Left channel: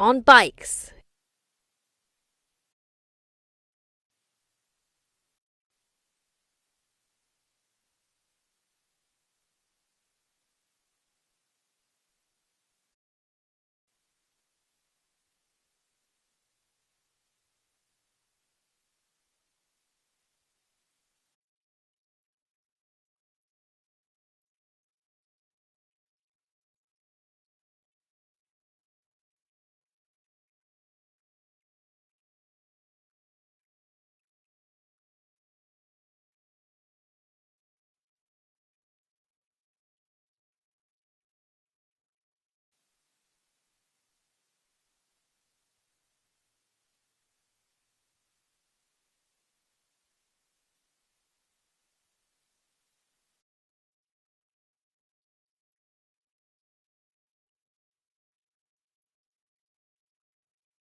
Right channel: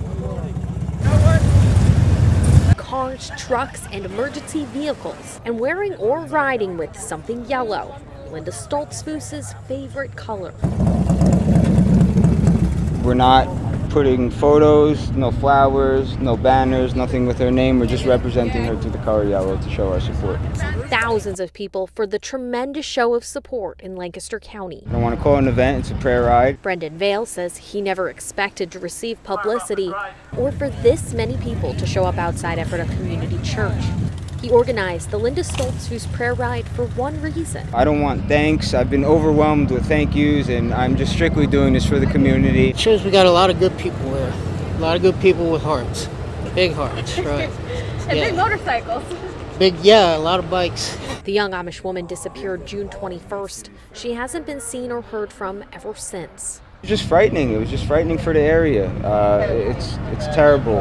on bikes, cars, trucks, and emergency vehicles, and wearing or riding with something yellow, Linda Stoltzfus's favorite color. We're not putting photos, no flowers, no banners, nothing with her name. We're just representing her to the color yellow to show our support. Thousands of people for the tremendous show of support in Lancaster County. I don't want to call it an event, it's a prayer ride. Brendan Vale says he never expected to receive publicity or for this many people to show up outside Ephrata Community Church. He organized the Linda Stoltzfus prayer ride for one reason. I don't want thanks. I've been overwhelmed with thank yous, and I'm just strictly doing this for the community. It shows we got a lot of good people there. A lot of good people with hearts. Big hearts, right? And big motorcycles. A lot of bikes. The young Amish woman disappeared June 21st. She hasn't been seen or heard from ever since. It was just frightening. It was just frightening for the area. It's terrible.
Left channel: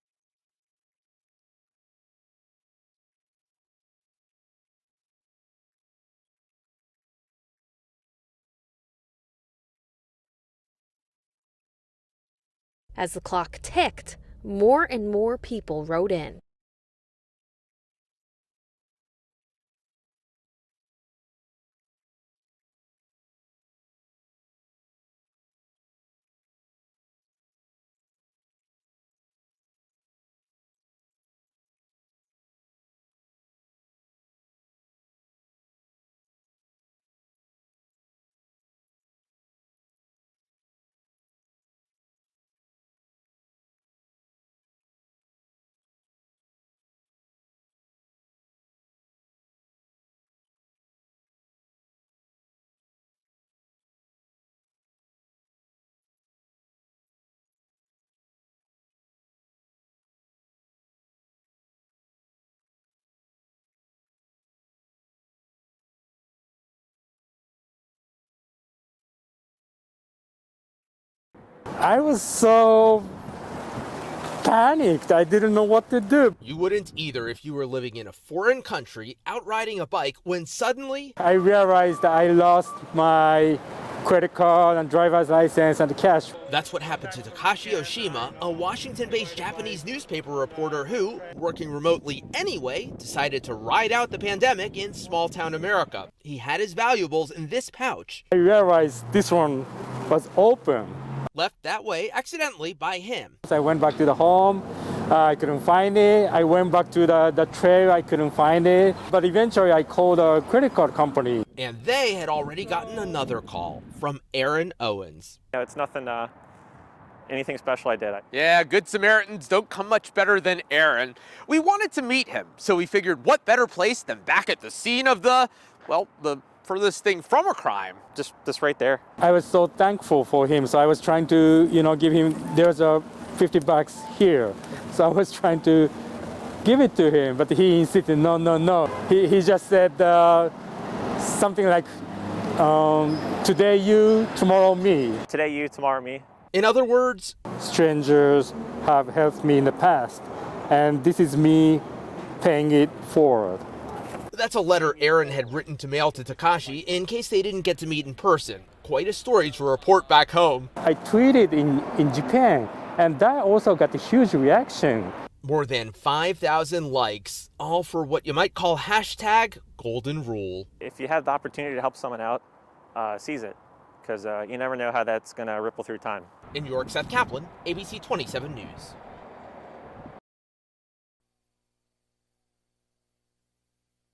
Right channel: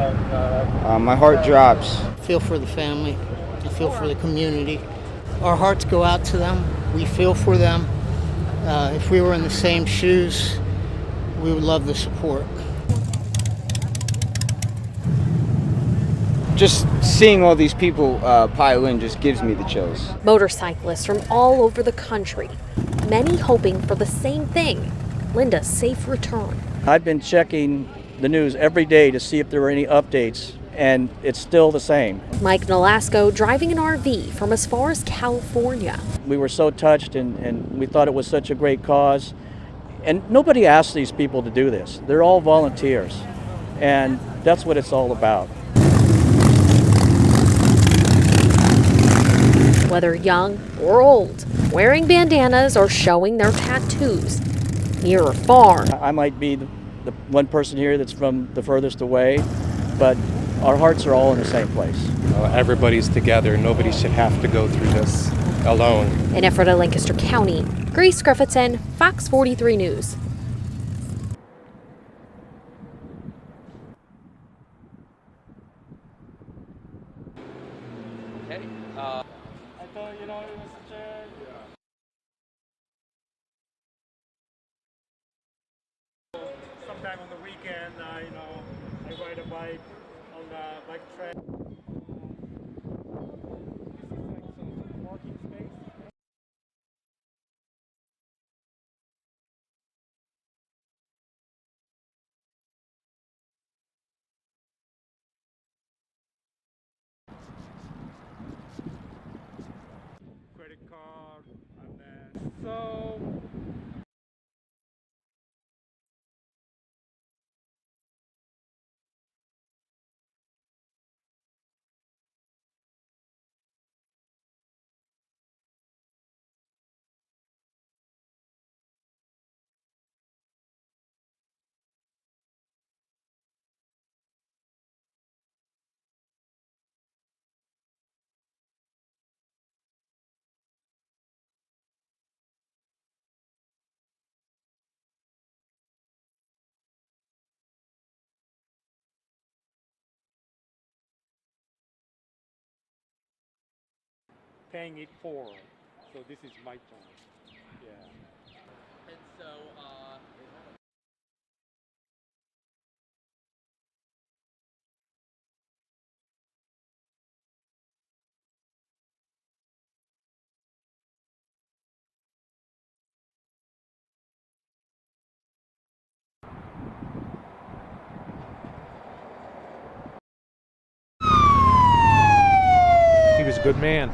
My heart drops. I feel for the family. I feel for the community. Our hearts go out to them. We feel for them. If we were in the same shoes, we would love the support. As the clock ticked, more and more people wrote in. Just seeing all these people pile in just gives me the chills. Motorcyclists from all over the country, many hoping for the same thing, Linda's safe return. I've been checking the news every day to see if there were any updates, and it's still the same. Mike Nolasco driving an RV from as far as California. We were so touched, and we thought it was such a great cause. And nobody asked these people to do this. They're all volunteers, and that's what it's all about. Whether young or old, wearing bandanas or showing their tattoos, near or far. I might be the one person here that's from the furthest away, but our hearts are all in the same place. Everybody's together. Nobody should have to go through this alone. In Ephrata, Lancaster County, Grace Griffithson, Fox 43 News. I was so panicked. I didn't know what to do. You wouldn't either if you were living in a foreign country, out riding a bike, when suddenly I realized that I lost my credit card and driver's license and cash. That's what happened to Takashi Oshima, a Washington-based Japanese newspaper reporter who, working remotely anyway, decided to ride out the pandemic in small-town America. He had his valuables in this pouch. I realized this one was open. Left that way accidentally by him. I went back to the home. I couldn't find it. I went back to the trail. I couldn't find it. But eventually I called a credit card company. And they had already gotten another call from Aaron Owens. It's nothing, anything special I did. Yeah, Good Samaritans don't come much better than Aaron. We wanted to meet him, so we figured what better place than back at the scene of the furthest thing from a crime. Just right there. I was so thankful for him. So I was trying to, give him, there's a $50 here. So I was trying to give it to him, but he insisted, no. He just said something like, today you, tomorrow me. Today you, tomorrow me. In other words, strangers have helped me in the past, and this is me paying it forward. That's a letter Aaron had written to mail to Takashi in case they didn't get to meet in person. Quite a story to report back home. I tweeted in Japan, and that also got a huge reaction. More than 5,000 likes, all for what you might call hashtag golden rule. If you have the opportunity to help someone out, seize it, because you never know how that's going to ripple through time. In New York, Seth Kaplan, ABC 27 News. He was a good man.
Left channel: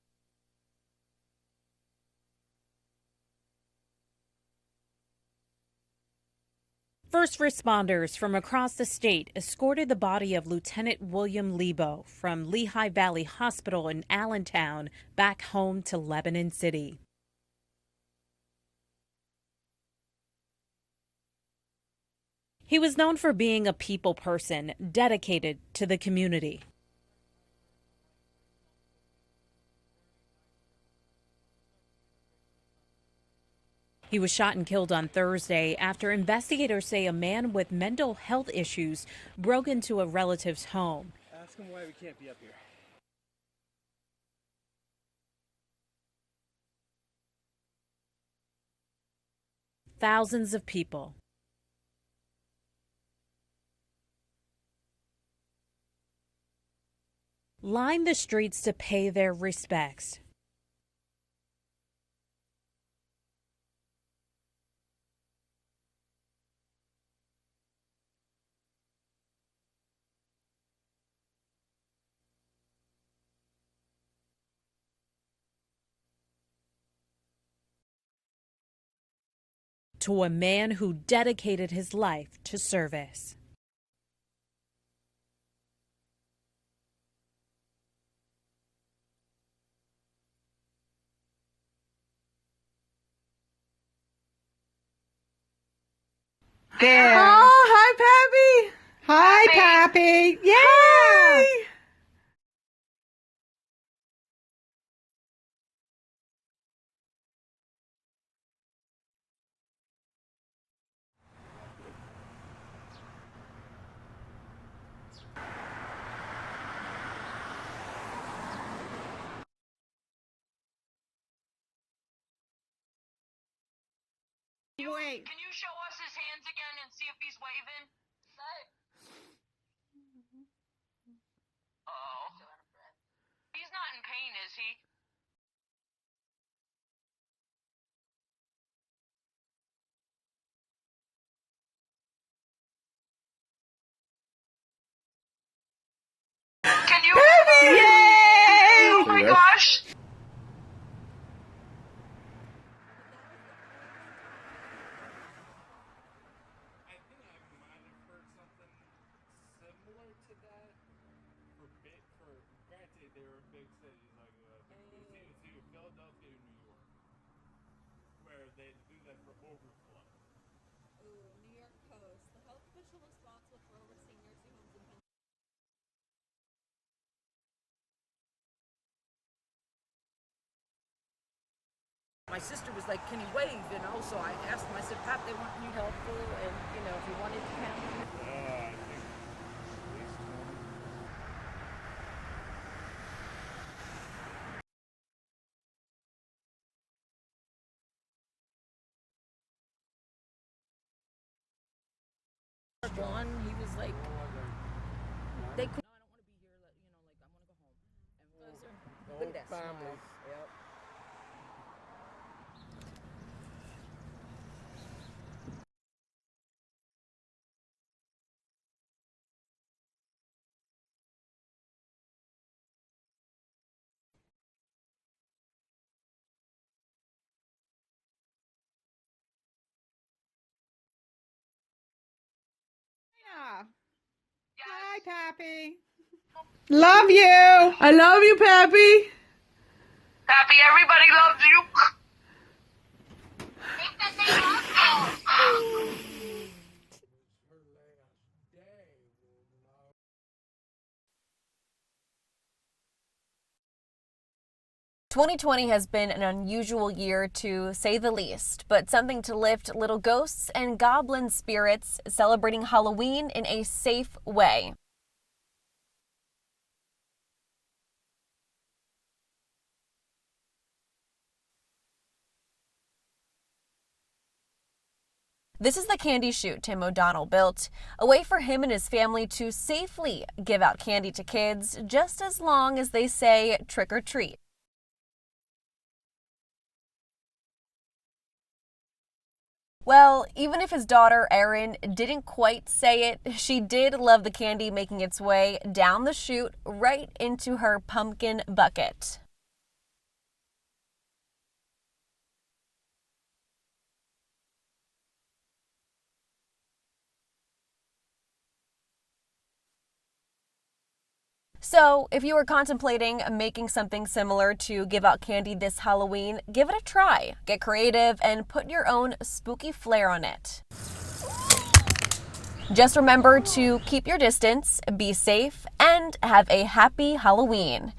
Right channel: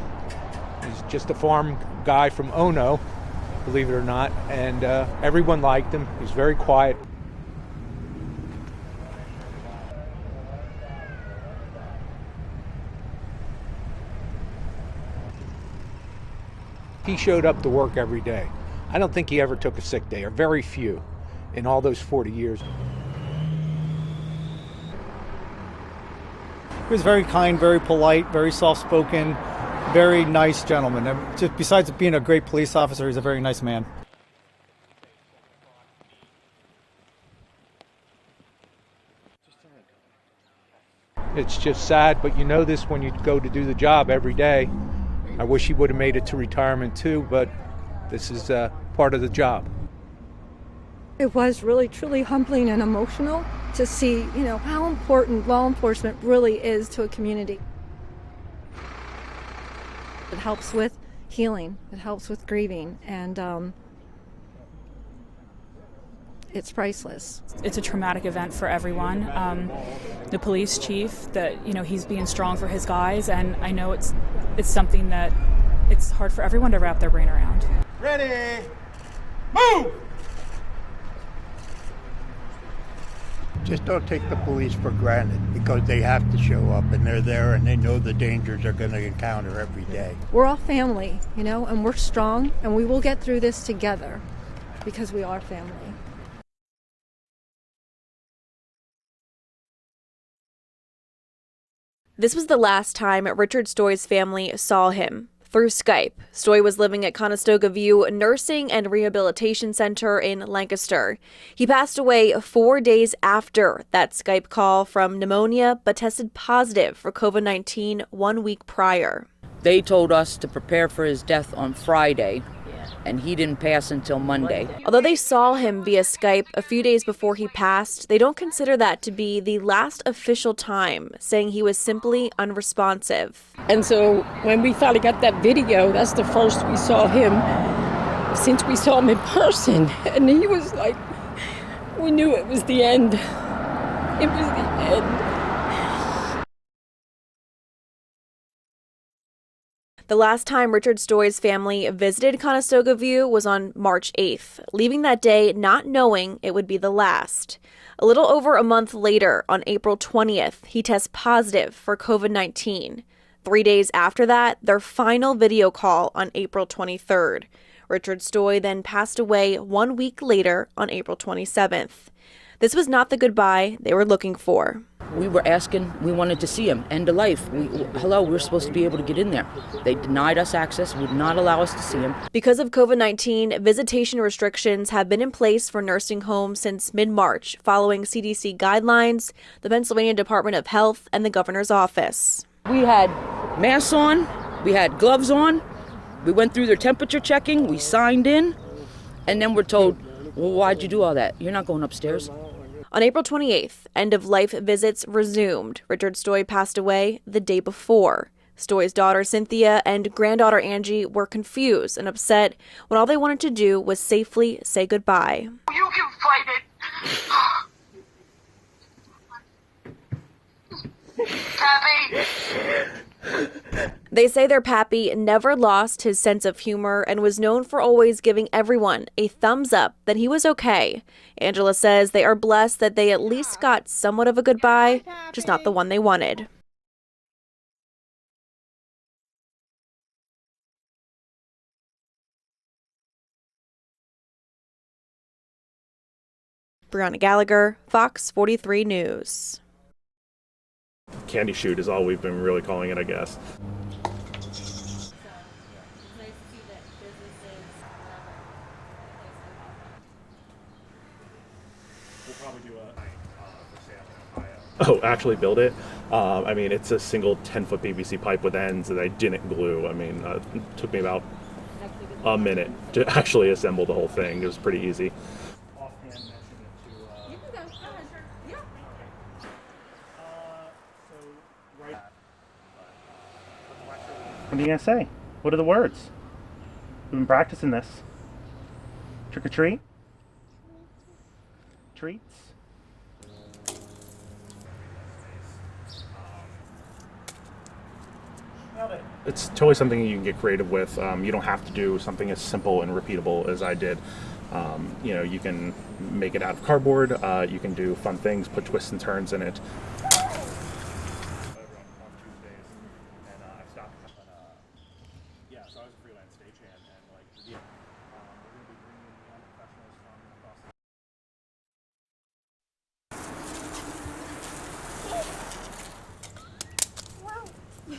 He's just a farm guy from Ono, believe it or not, and everyone liked him. He's very quiet. First responders from across the state escorted the body of Lieutenant William Lebo from Lehigh Valley Hospital in Allentown back home to Lebanon City. He showed up to work every day. I don't think he ever took a sick day, or very few, in all those 40 years. He was known for being a people person, dedicated to the community. He was very kind, very polite, very soft-spoken, very nice gentleman. Just besides being a great police officer, he's a very nice man. He was shot and killed on Thursday after investigators say a man with mental health issues broke into a relative's home. It's just sad, but you know this when you go to do the job every day. I wish he would have made it to retirement too, but this is part of the job. thousands of people. It was really, truly humbling and emotional to see, how important law enforcement really is to a community. Lined the streets to pay their respects. It helps with healing. It helps with grieving. And it's priceless. It's a traumatic event for everyone. The police chief, that he's being strong for his guys, and I know it's something that it's hard for everyone to wrap their brain around. Ready, move! To a man who dedicated his life to cervix. Just don't take the police for granted, because they have to show up and they're there and they know the dangers they're going to encounter every day. We're all family, and we're strong, and we will get through this together because we are family. There. Oh, hi, Pappy. Hi, Pappy. Yay! Hi. This was the last time Richard Stoy's family saw him, through Skype. Stoy was living at Conestoga View Nursing and Rehabilitation Center in Lancaster. He passed away 4 days after that Skype call from pneumonia, but tested positive for COVID-19 1 week prior. They told us to prepare for his death on Friday, and he didn't pass until Monday. Although they saw him via Skype a few days before he passed, they don't consider that to be the last official time, saying he was simply unresponsive. And so when we finally got that video, that's the first we saw him since we saw him in person. And he was like, we knew it was the end. It was the end. Can you Baby! Yay! Oh my gosh! The last time Richard Stoy's family visited Conestoga View was on March 8th, leaving that day not knowing it would be the last. A little over a month later, on April 20th, he tests positive for COVID-19. 3 days after that, their final video call on April 23rd. Richard Stoy then passed away 1 week later on April 27th. This was not the goodbye they were looking for. We were asking, we wanted to see him, end of life. We were supposed to be able to get in there. They denied us access, would not allow us to see him. Because of COVID-19, visitation restrictions have been in place for nursing homes since mid-March, following CDC guidelines, the Pennsylvania Department of Health, and the governor's office. We had masks on, we had gloves on, we went through their temperature checking, we signed in, and then we're told, well, why'd you do all that? You're not going upstairs. On April 28th, end-of-life visits resumed. Richard Stoy passed away the day before. Stoy's daughter Cynthia and granddaughter Angie were confused and upset when all they wanted to do was safely say goodbye. You can fight it. Pappy. They say their pappy never lost his sense of humor and was known for always giving everyone a thumbs up that he was okay. Angela says they are blessed that they at least got somewhat of a goodbye, just not the one they wanted. Love you. I love you, Pappy. Pappy, everybody loves you. Brianna Gallagher, Fox 43 News. Candy shoot is all we've been really calling it, I guess. 2020 has been an unusual year, to say the least, but something to lift little ghosts and goblin spirits celebrating Halloween in a safe way. Oh, actually build it? I mean, it's a single 10-foot PVC pipe with ends that I didn't glue. I mean, it took me about a minute to actually assemble the whole thing. It was pretty easy. This is the candy chute Tim O'Donnell built, a way for him and his family to safely give out candy to kids, just as long as they say trick or treat. What are you going to say? What are the words? We've been practicing this. Trick or treat? Well, even if his daughter Erin didn't quite say it, she did love the candy making its way down the chute right into her pumpkin bucket. It's totally something you can get creative with. You don't have to do something as simple and repeatable as I did. You can make it out of cardboard, you can do fun things, put twists and turns in it. So if you were contemplating making something similar to give out candy this Halloween, give it a try. Get creative and put your own spooky flair on it. Just remember to keep your distance, be safe, and have a happy Halloween.